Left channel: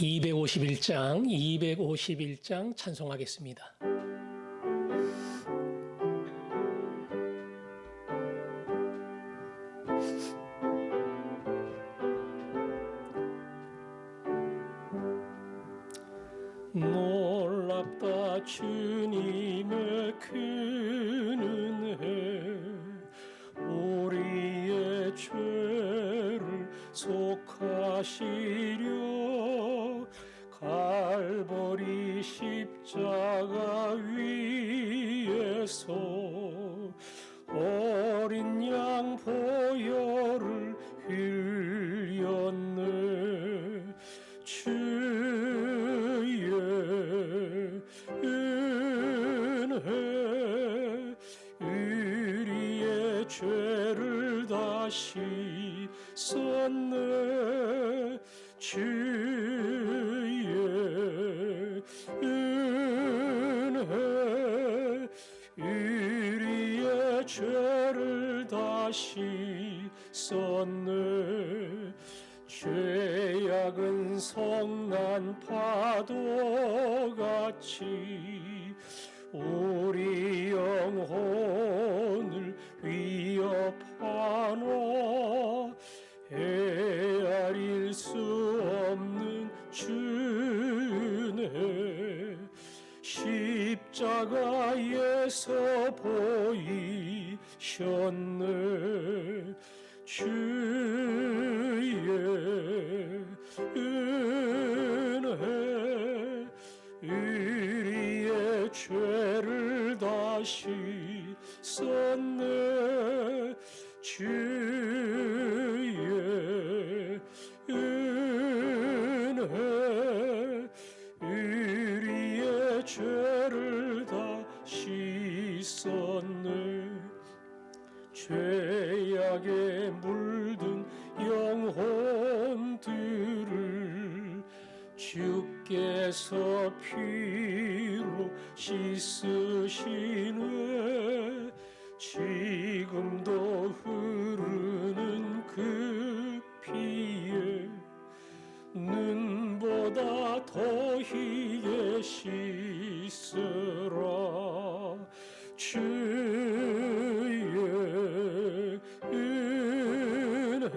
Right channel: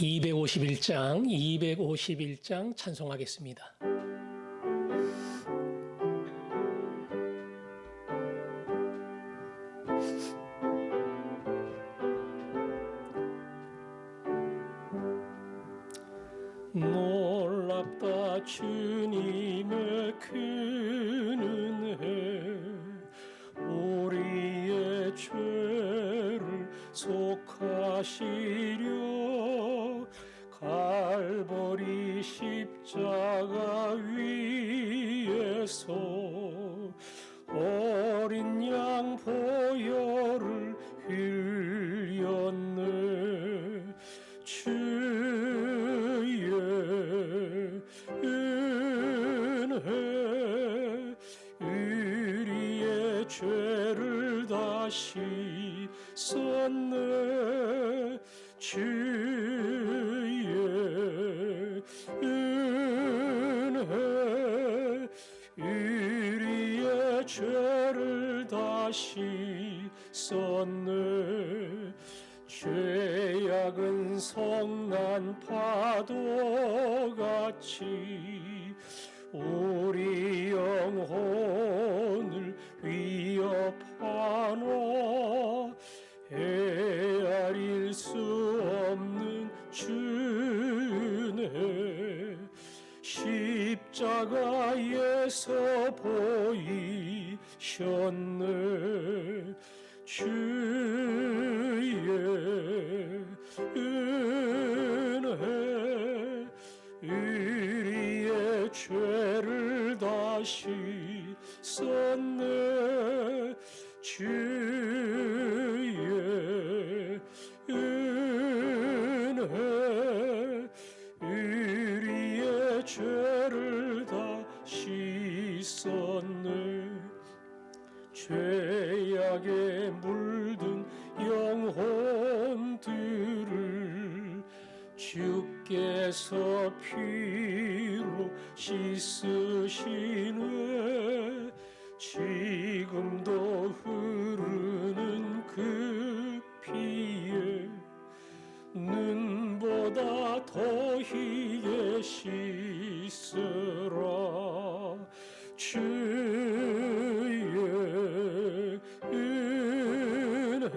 251장 찬송하겠습니다. 놀랍다 주님의 큰 은혜, 우리의 죄를 속하시려 갈보리 십자가 위에서 어린 양 보혈을 흘렸네. 주의 은혜 우리의 죄를 다시 썼네. 주의 은혜 우리의 죄를 다시 썼네. 죄악은 성난 파도같이 우리 영혼을 위협하나, 헤아릴 수 없는 주네. 십자가에서 보이셨네. 주의 은혜 우리의 죄를 다시 썼네. 주의 은혜 우리의 죄를 다시 썼네. 죄악에 물든 영혼들을 주께서 피로 씻으시네. 지금도 흐르는 그 피에 눈보다 더 희게 씻으라. 주의 은혜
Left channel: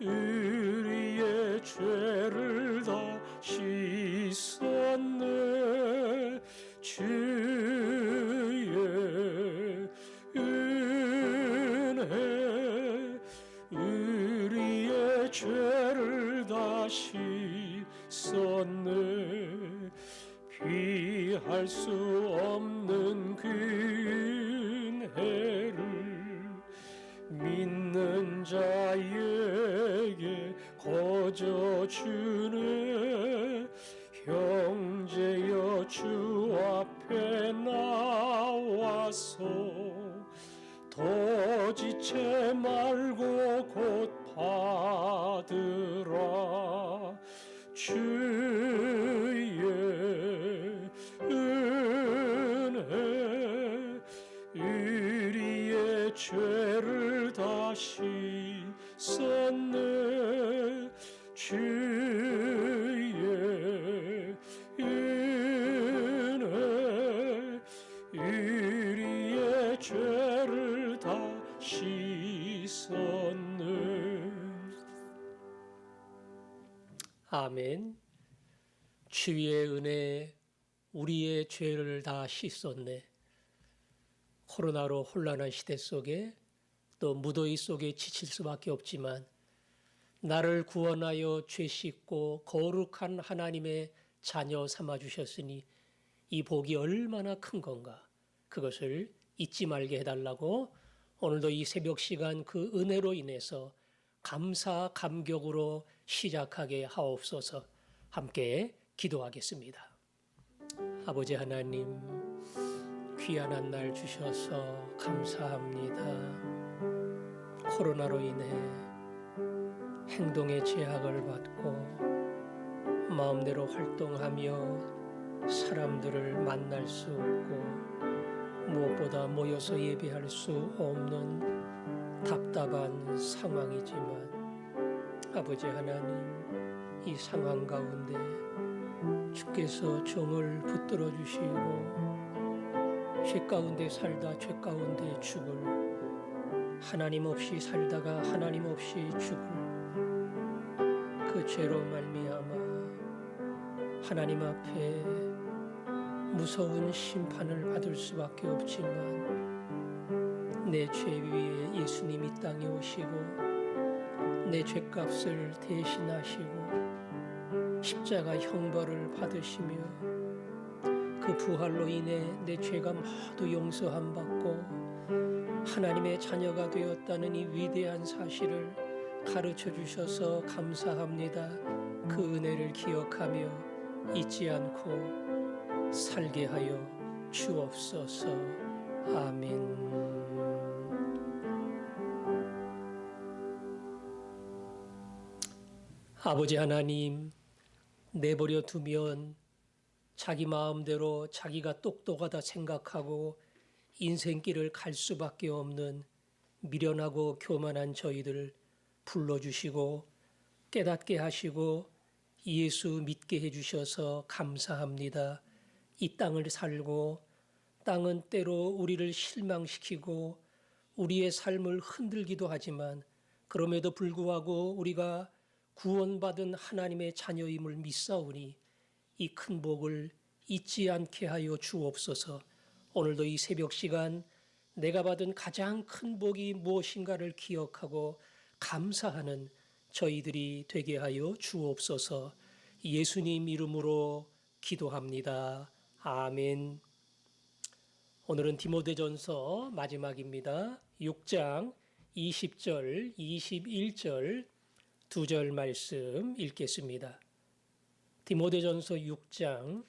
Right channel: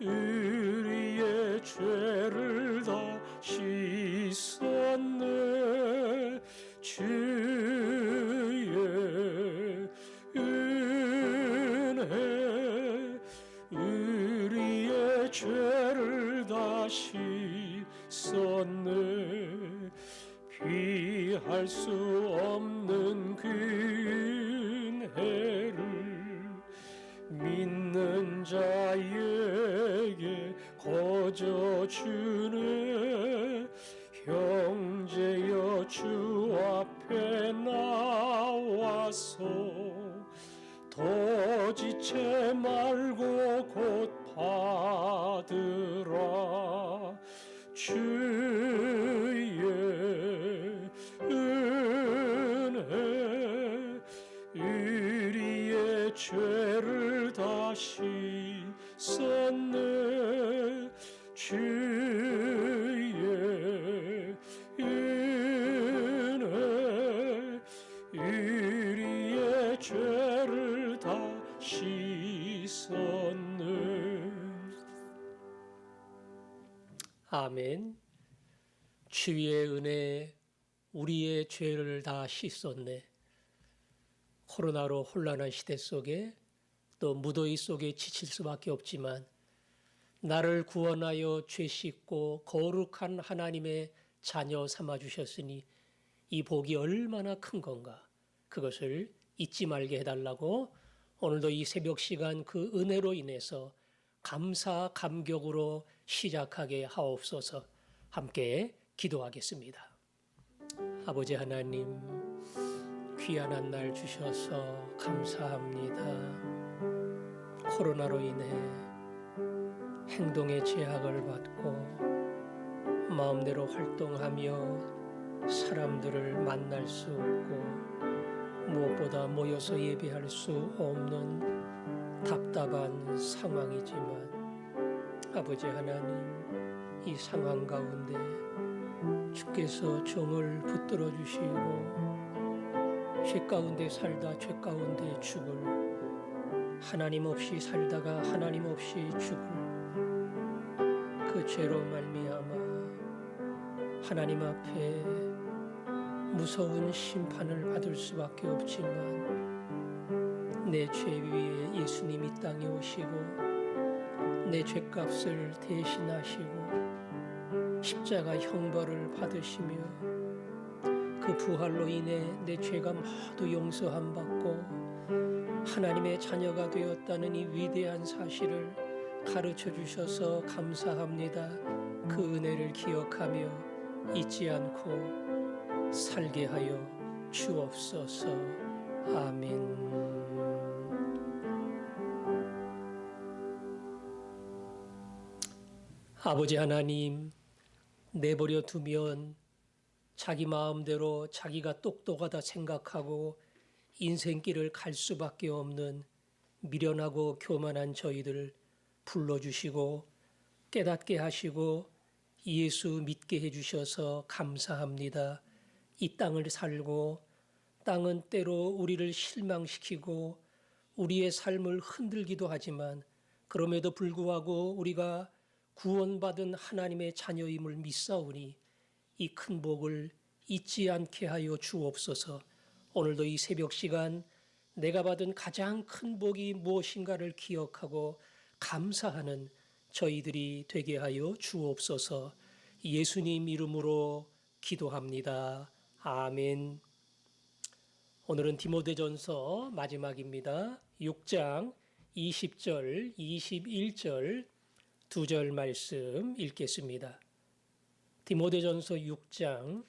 우리의 죄를 다 씻었네. 주의 은혜 우리의 죄를 다 씻었네. 피할 수 없는 그 은혜를 믿는 자에게 거저 주네. 형제여 주 앞에 나와서 더 지체 말고 곧 받으라. 주의 은혜 우리의 죄를 다시 썼네. 주의 은혜 우리의 죄를 다시 썼네. 아멘. 주의 은혜 우리의 죄를 다 씻었네. 코로나로 혼란한 시대 속에 또 무더위 속에 지칠 수밖에 없지만 나를 구원하여 죄 씻고 거룩한 하나님의 자녀 삼아주셨으니 이 복이 얼마나 큰 건가, 그것을 잊지 말게 해달라고 오늘도 이 새벽 시간 그 은혜로 인해서 감사 감격으로 시작하게 하옵소서. 함께 기도하겠습니다. 아버지 하나님, 귀한 날 주셔서 감사합니다. 코로나로 인해 행동의 제약을 받고 마음대로 활동하며 사람들을 만날 수 없고 무엇보다 모여서 예배할 수 없는 답답한 상황이지만 아버지 하나님, 이 상황 가운데 주께서 종을 붙들어 주시고 죄 가운데 살다 죄 가운데 죽을, 하나님 없이 살다가 하나님 없이 죽을 그 죄로 말미암아 하나님 앞에 무서운 심판을 받을 수밖에 없지만 내 죄 위에 예수님 이 땅에 오시고 내 죄값을 대신하시고 십자가 형벌을 받으시며 그 부활로 인해 내 죄가 모두 용서함 받고 하나님의 자녀가 되었다는 이 위대한 사실을 가르쳐 주셔서 감사합니다. 그 은혜를 기억하며 잊지 않고 살게 하여 주옵소서. 아멘. 아버지 하나님, 내버려 두면 자기 마음대로 자기가 똑똑하다 생각하고 인생길을 갈 수밖에 없는 미련하고 교만한 저희들 불러주시고 깨닫게 하시고 예수 믿게 해주셔서 감사합니다. 이 땅을 살고 땅은 때로 우리를 실망시키고 우리의 삶을 흔들기도 하지만 그럼에도 불구하고 우리가 구원받은 하나님의 자녀임을 믿사오니 이 큰 복을 잊지 않게 하여 주옵소서. 오늘도 이 새벽 시간 내가 받은 가장 큰 복이 무엇인가를 기억하고 감사하는 저희들이 되게 하여 주옵소서. 예수님 이름으로 기도합니다. 아멘. 오늘은 디모데전서 마지막입니다. 6장 20절, 21절 두 절 말씀 읽겠습니다. 디모데전서 6장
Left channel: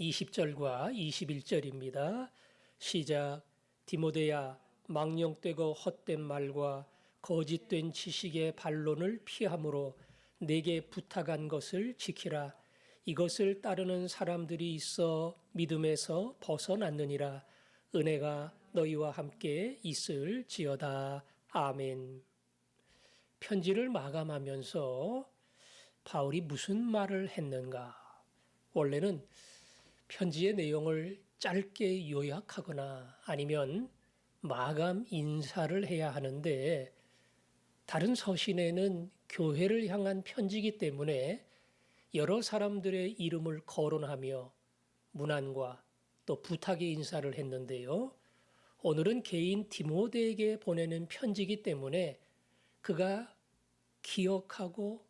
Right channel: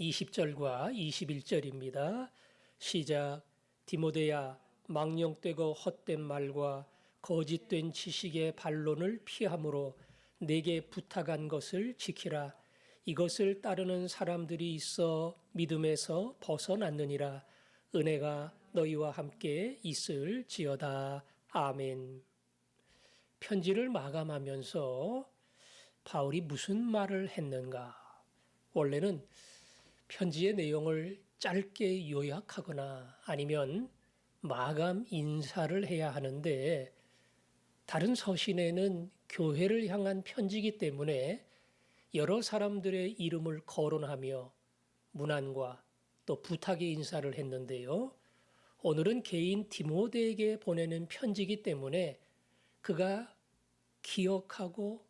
20절과 21절입니다. 시작. 디모데야, 망령되고 헛된 말과 거짓된 지식의 반론을 피함으로 내게 부탁한 것을 지키라. 이것을 따르는 사람들이 있어 믿음에서 벗어났느니라. 은혜가 너희와 함께 있을지어다. 아멘. 편지를 마감하면서 바울이 무슨 말을 했는가? 원래는 편지의 내용을 짧게 요약하거나 아니면 마감 인사를 해야 하는데 다른 서신에는 교회를 향한 편지이기 때문에 여러 사람들의 이름을 거론하며 문안과 또 부탁의 인사를 했는데요. 오늘은 개인 디모데에게 보내는 편지이기 때문에 그가 기억하고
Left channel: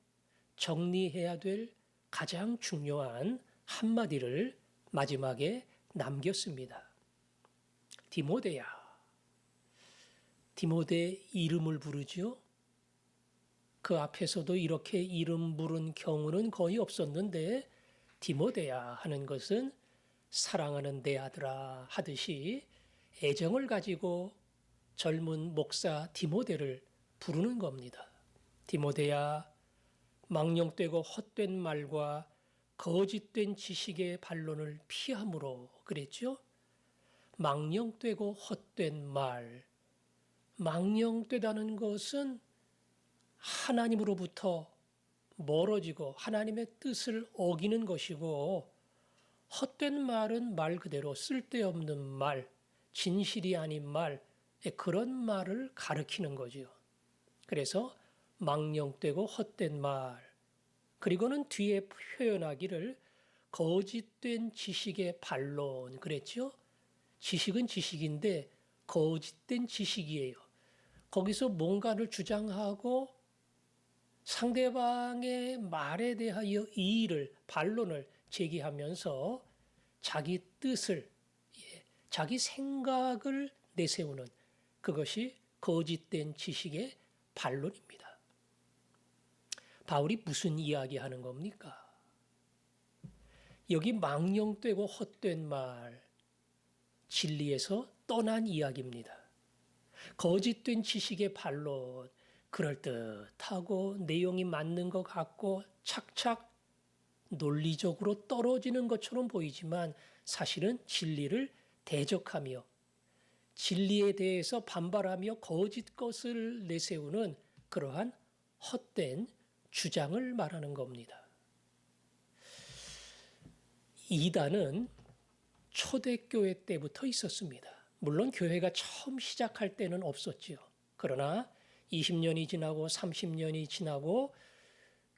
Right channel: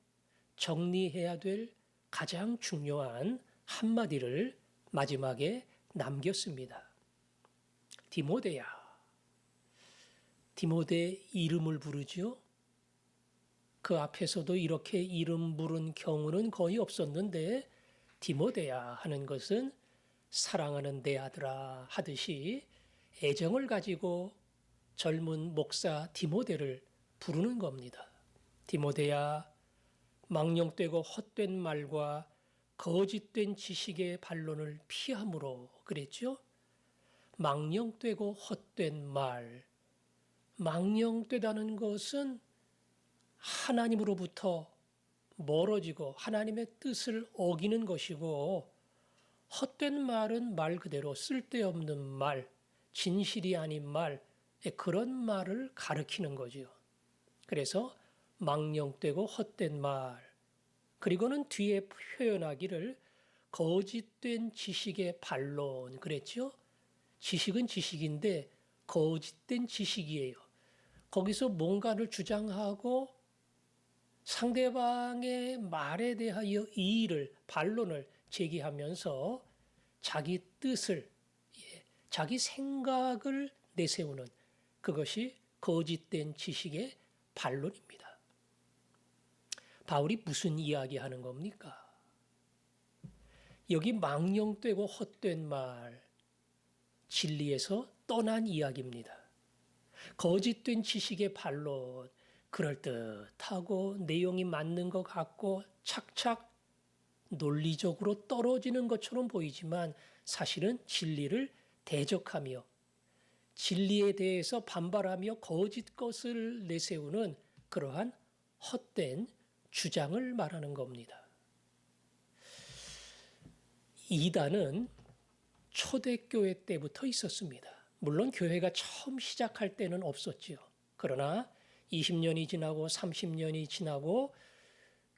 정리해야 될 가장 중요한 한마디를 마지막에 남겼습니다. 디모데야. 디모데 이름을 부르죠. 그 앞에서도 이렇게 이름 부른 경우는 거의 없었는데 디모데야 하는 것은 사랑하는 내 아들아 하듯이 애정을 가지고 젊은 목사 디모데를 부르는 겁니다. 디모데야, 망령되고 헛된 말과 거짓된 지식의 반론을 피함으로 그랬죠. 망령되고 헛된 말. 망령되다는 것은 하나님으로부터 멀어지고 하나님의 뜻을 어기는 것이고 헛된 말은 말 그대로 쓸데없는 말, 진실이 아닌 말, 그런 말을 가리키는 거죠. 그래서 망령되고 헛된 말, 그리고는 뒤에 표현하기를 거짓된 지식의 반론 그랬죠. 지식은 지식인데 거짓된 지식이에요. 거기서 뭔가를 주장하고 상대방의 말에 대하여 이의를, 반론을 제기하면서 자기 뜻을, 자기 생각을 내세우는 그것이 거짓된 지식의 반론입니다. 바울이 무슨 이야기 하는 겁니까? 여기 망령되고 헛된 말, 진리에서 떠난 이야기입니다. 거짓된 지식의 반론, 그럴듯하고 내용이 맞는 것 같고 착착 논리적으로 떨어지는 것처럼 보이지만 사실은 진리를 대적하며 진리에 대해서 반발하며 거짓 것을 내세우는 그러한 헛된 주장을 말하는 겁니다. 이단은 초대교회 때부터 있었습니다. 물론 교회가 처음 시작할 때는 없었지요. 그러나 20년이 지나고 30년이 지나고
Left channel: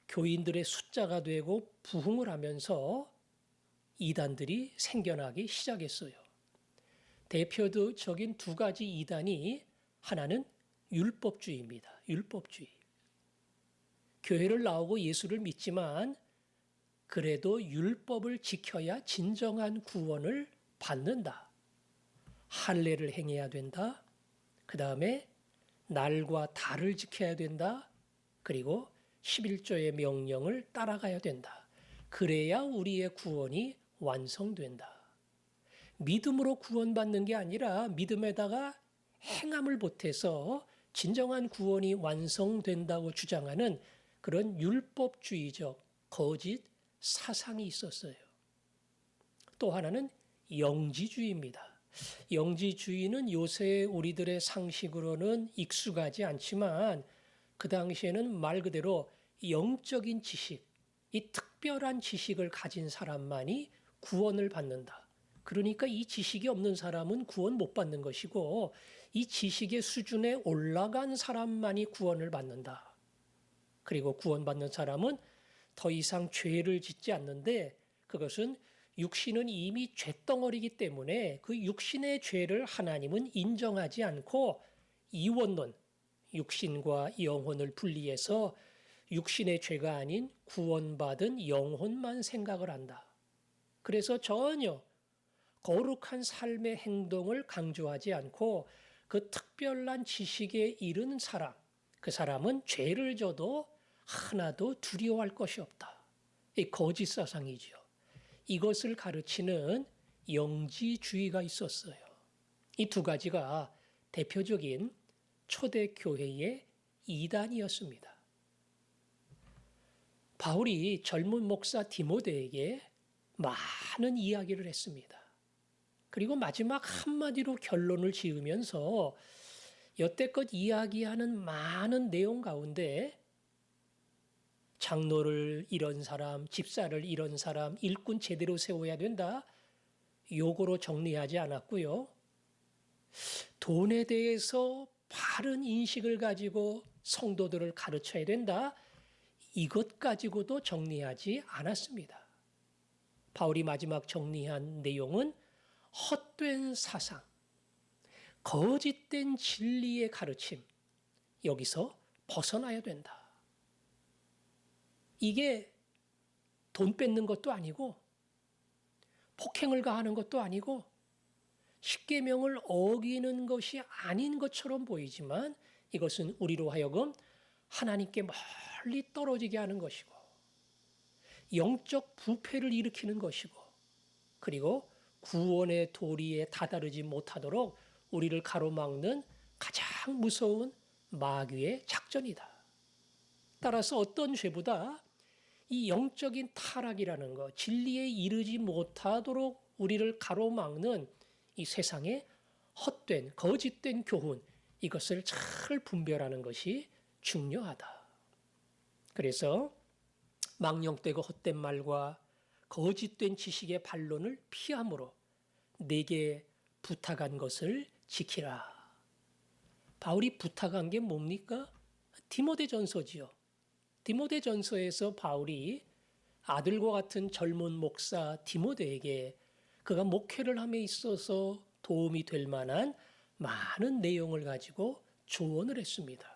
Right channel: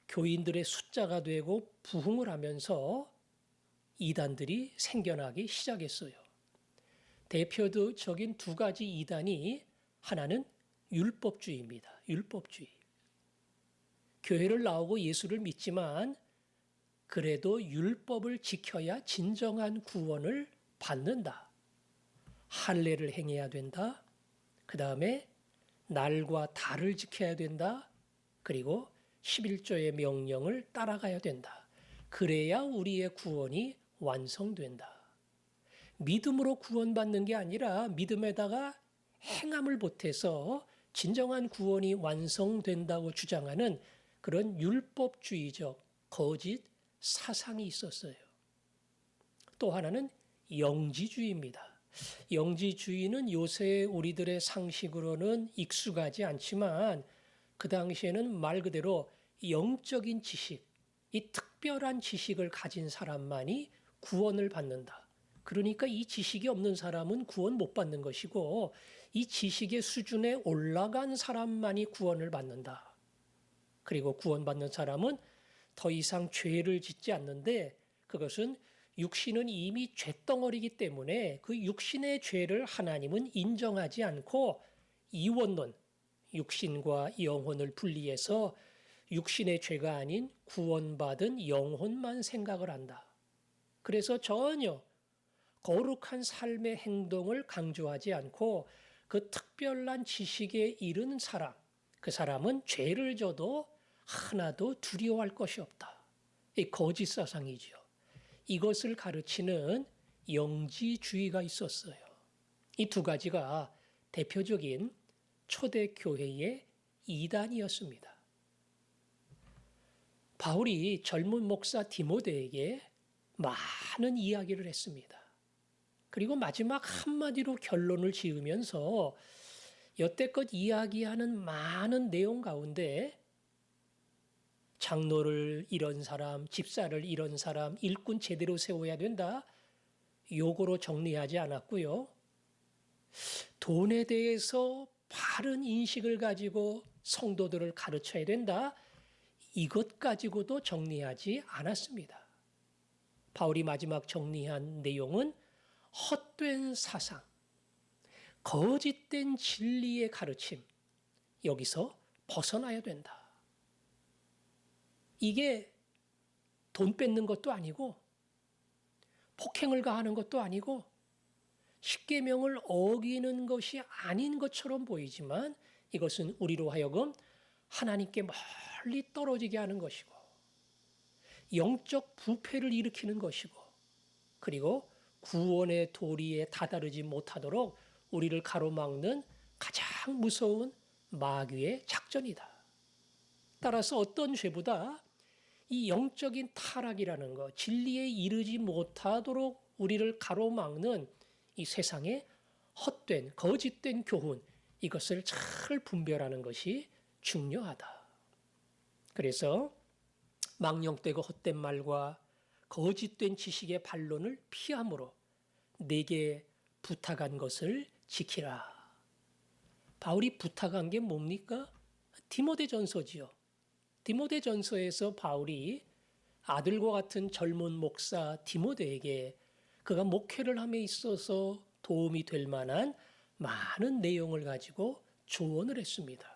교인들의 숫자가 되고 부흥을 하면서 이단들이 생겨나기 시작했어요. 대표적인 두 가지 이단이 하나는 율법주의입니다. 율법주의. 교회를 나오고 예수를 믿지만 그래도 율법을 지켜야 진정한 구원을 받는다. 할례를 행해야 된다. 그 다음에 날과 달을 지켜야 된다. 그리고 11조의 명령을 따라가야 된다. 그래야 우리의 구원이 완성된다. 믿음으로 구원받는 게 아니라 믿음에다가 행함을 보태서 진정한 구원이 완성된다고 주장하는 그런 율법주의적 거짓 사상이 있었어요. 또 하나는 영지주의입니다. 영지주의는 요새 우리들의 상식으로는 익숙하지 않지만 그 당시에는 말 그대로 영적인 지식, 이 특별한 지식을 가진 사람만이 구원을 받는다. 그러니까 이 지식이 없는 사람은 구원 못 받는 것이고 이 지식의 수준에 올라간 사람만이 구원을 받는다. 그리고 구원받는 사람은 더 이상 죄를 짓지 않는데 그것은 육신은 이미 죄덩어리이기 때문에 그 육신의 죄를 하나님은 인정하지 않고 이원론, 육신과 영혼을 분리해서 육신의 죄가 아닌 구원받은 영혼만 생각을 한다. 그래서 전혀 거룩한 삶의 행동을 강조하지 않고 그 특별한 지식에 이른 사람, 그 사람은 죄를 져도 하나도 두려워할 것이 없다. 이 거짓 사상이지요. 이것을 가르치는 영지주의가 있었어요. 이 두 가지가 대표적인 초대교회의 이단이었습니다. 바울이 젊은 목사 디모데에게 많은 이야기를 했습니다. 그리고 마지막 한마디로 결론을 지으면서 여태껏 이야기하는 많은 내용 가운데 장로를 잃은 사람, 집사를 잃은 사람, 일꾼 제대로 세워야 된다. 요거로 정리하지 않았고요. 돈에 대해서 바른 인식을 가지고 성도들을 가르쳐야 된다. 이것 가지고도 정리하지 않았습니다. 바울이 마지막 정리한 내용은 헛된 사상, 거짓된 진리의 가르침, 여기서 벗어나야 된다. 이게 돈 뺏는 것도 아니고 폭행을 가하는 것도 아니고 십계명을 어기는 것이 아닌 것처럼 보이지만 이것은 우리로 하여금 하나님께 멀리 떨어지게 하는 것이고 영적 부패를 일으키는 것이고 그리고 구원의 도리에 다다르지 못하도록 우리를 가로막는 가장 무서운 마귀의 작전이다. 따라서 어떤 죄보다 이 영적인 타락이라는 것, 진리에 이르지 못하도록 우리를 가로막는 이 세상의 헛된, 거짓된 교훈, 이것을 잘 분별하는 것이 중요하다. 그래서 망령되고 헛된 말과 거짓된 지식의 반론을 피함으로 내게 부탁한 것을 지키라. 바울이 부탁한 게 뭡니까? 디모데전서지요. 디모데전서에서 바울이 아들과 같은 젊은 목사 디모데에게 그가 목회를 함에 있어서 도움이 될 만한 많은 내용을 가지고 조언을 했습니다.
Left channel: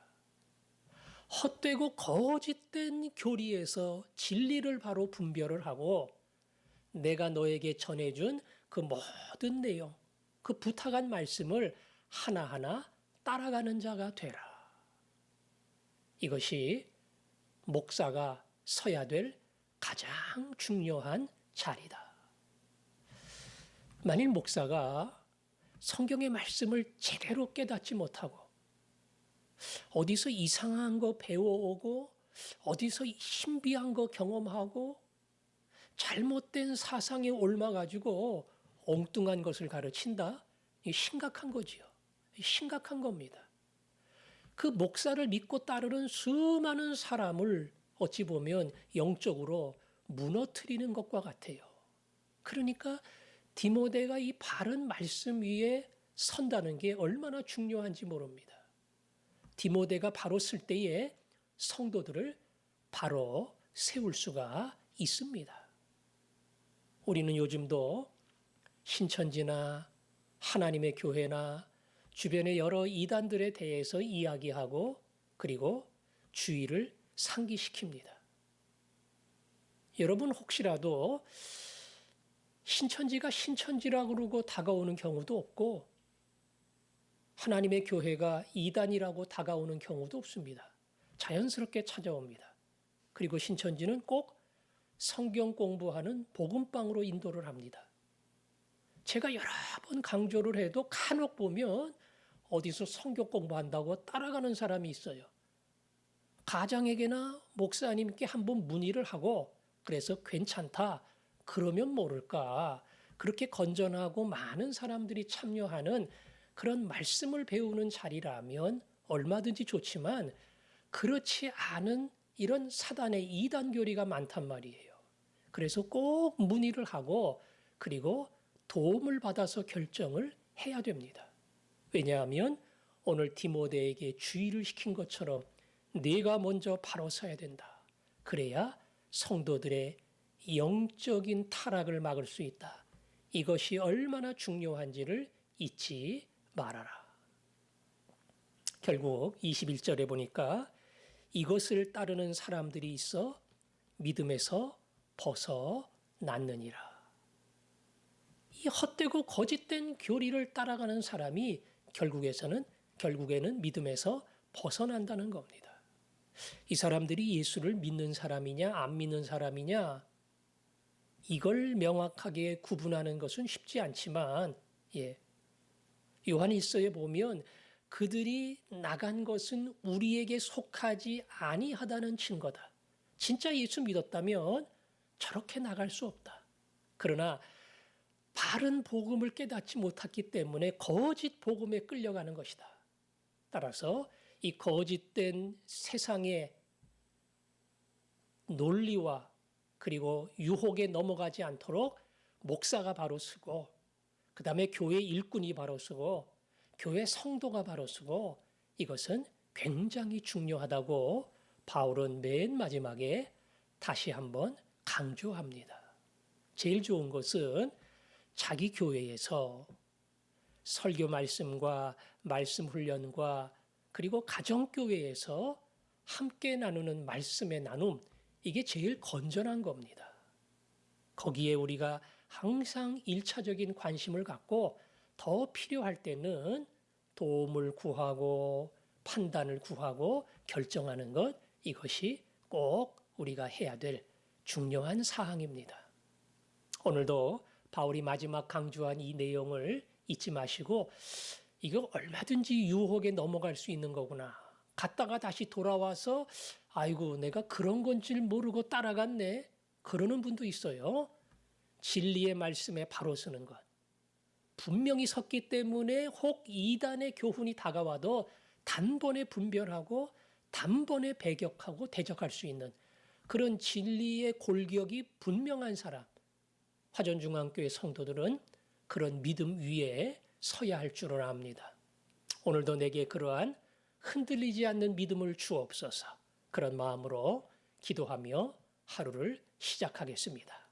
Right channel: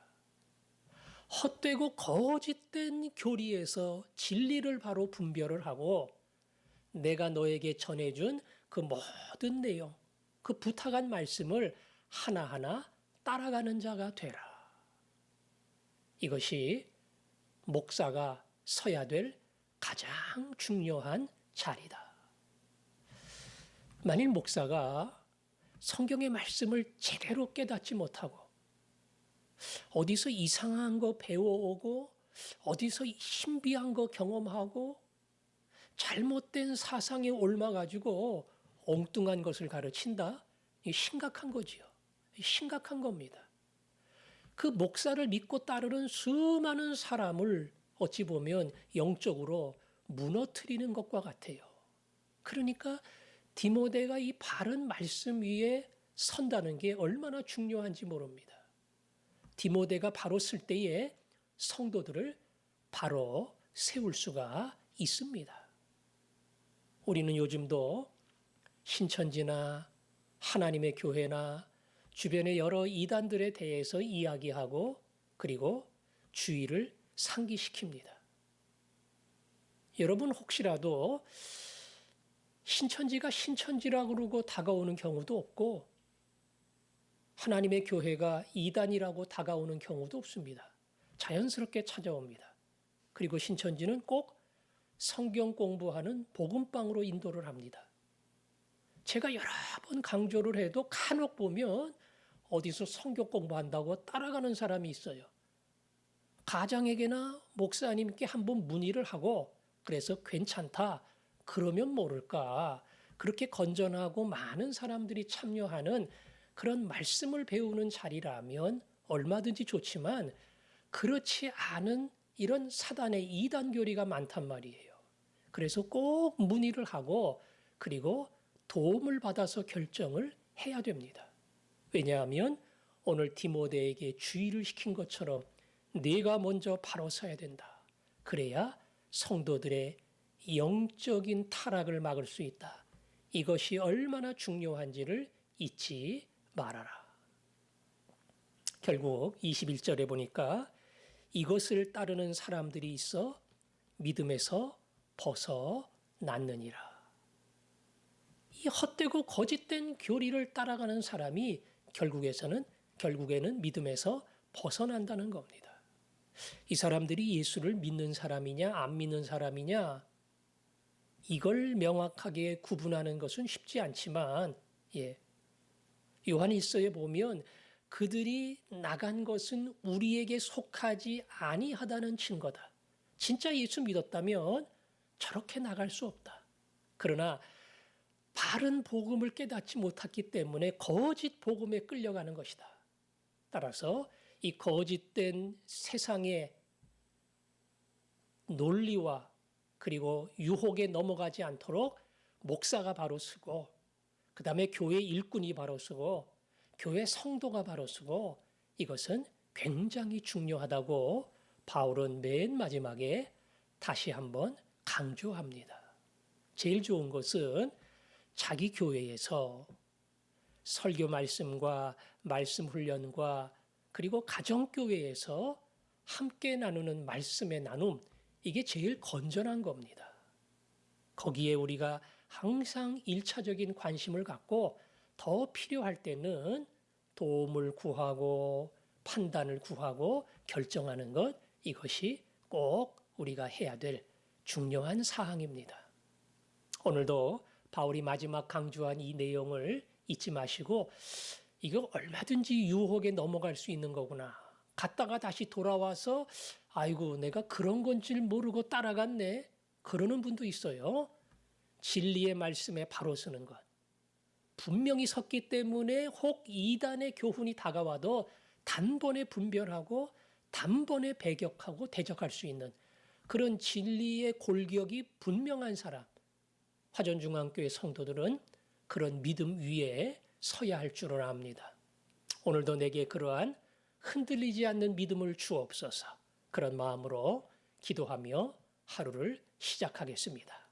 헛되고 거짓된 교리에서 진리를 바로 분별을 하고 내가 너에게 전해준 그 모든 내용, 그 부탁한 말씀을 하나하나 따라가는 자가 되라. 이것이 목사가 서야 될 가장 중요한 자리다. 만일 목사가 성경의 말씀을 제대로 깨닫지 못하고 어디서 이상한 거 배워오고 어디서 신비한 거 경험하고 잘못된 사상에 옮아가지고 엉뚱한 것을 가르친다? 이게 심각한 거지요. 심각한 겁니다. 그 목사를 믿고 따르는 수많은 사람을 어찌 보면 영적으로 무너뜨리는 것과 같아요. 그러니까 디모데가 이 바른 말씀 위에 선다는 게 얼마나 중요한지 모릅니다. 디모데가 바로 쓸 때에 성도들을 바로 세울 수가 있습니다. 우리는 요즘도 신천지나 하나님의 교회나 주변의 여러 이단들에 대해서 이야기하고 그리고 주의를 상기시킵니다. 여러분 혹시라도 신천지가 신천지라고 그러고 다가오는 경우도 없고 하나님의 교회가 이단이라고 다가오는 경우도 없습니다. 자연스럽게 찾아옵니다. 그리고 신천지는 꼭 성경 공부하는 복음방으로 인도를 합니다. 제가 여러 번 강조를 해도 간혹 보면 어디서 성경 공부한다고 따라가는 사람이 있어요. 가장에게나 목사님께 한번 문의를 하고 그래서 괜찮다. 그러면 모를까. 그렇게 건전하고 많은 사람들이 참여하는 그런 말씀을 배우는 자리라면 얼마든지 좋지만 그렇지 않은 이런 사단의 이단 교리가 많단 말이에요. 그래서 꼭 문의를 하고 그리고 도움을 받아서 결정을 해야 됩니다. 왜냐하면 오늘 디모데에게 주의를 시킨 것처럼 네가 먼저 바로 서야 된다. 그래야 성도들의 영적인 타락을 막을 수 있다. 이것이 얼마나 중요한지를 잊지 말아라. 결국 21절에 보니까 이것을 따르는 사람들이 있어 믿음에서 벗어났느니라. 이 헛되고 거짓된 교리를 따라가는 사람이 결국에는 믿음에서 벗어난다는 겁니다. 이 사람들이 예수를 믿는 사람이냐 안 믿는 사람이냐 이걸 명확하게 구분하는 것은 쉽지 않지만 요한 1서에 보면 그들이 나간 것은 우리에게 속하지 아니하다는 증거다. 진짜 예수 믿었다면 저렇게 나갈 수 없다. 그러나 바른 복음을 깨닫지 못했기 때문에 거짓 복음에 끌려가는 것이다. 따라서 이 거짓된 세상의 논리와 그리고 유혹에 넘어가지 않도록 목사가 바로 서고 그 다음에 교회 일꾼이 바로 서고 교회 성도가 바로 서고 이것은 굉장히 중요하다고 바울은 맨 마지막에 다시 한번 강조합니다. 제일 좋은 것은 자기 교회에서 설교 말씀과 말씀 훈련과 그리고 가정교회에서 함께 나누는 말씀의 나눔 이게 제일 건전한 겁니다. 거기에 우리가 항상 1차적인 관심을 갖고 더 필요할 때는 도움을 구하고 판단을 구하고 결정하는 것 이것이 꼭 우리가 해야 될 중요한 사항입니다. 오늘도 바울이 마지막 강조한 이 내용을 잊지 마시고 이거 얼마든지 유혹에 넘어갈 수 있는 거구나. 갔다가 다시 돌아와서 아이고 내가 그런 건 줄 모르고 따라갔네. 그러는 분도 있어요. 진리의 말씀에 바로 서는 것. 분명히 섰기 때문에 혹 이단의 교훈이 다가와도 단번에 분별하고 단번에 배격하고 대적할 수 있는 그런 진리의 골격이 분명한 사람. 화전중앙교회 성도들은 그런 믿음 위에 서야 할 줄을 압니다. 오늘도 내게 그러한 흔들리지 않는 믿음을 주옵소서. 그런 마음으로 기도하며 하루를 시작하겠습니다.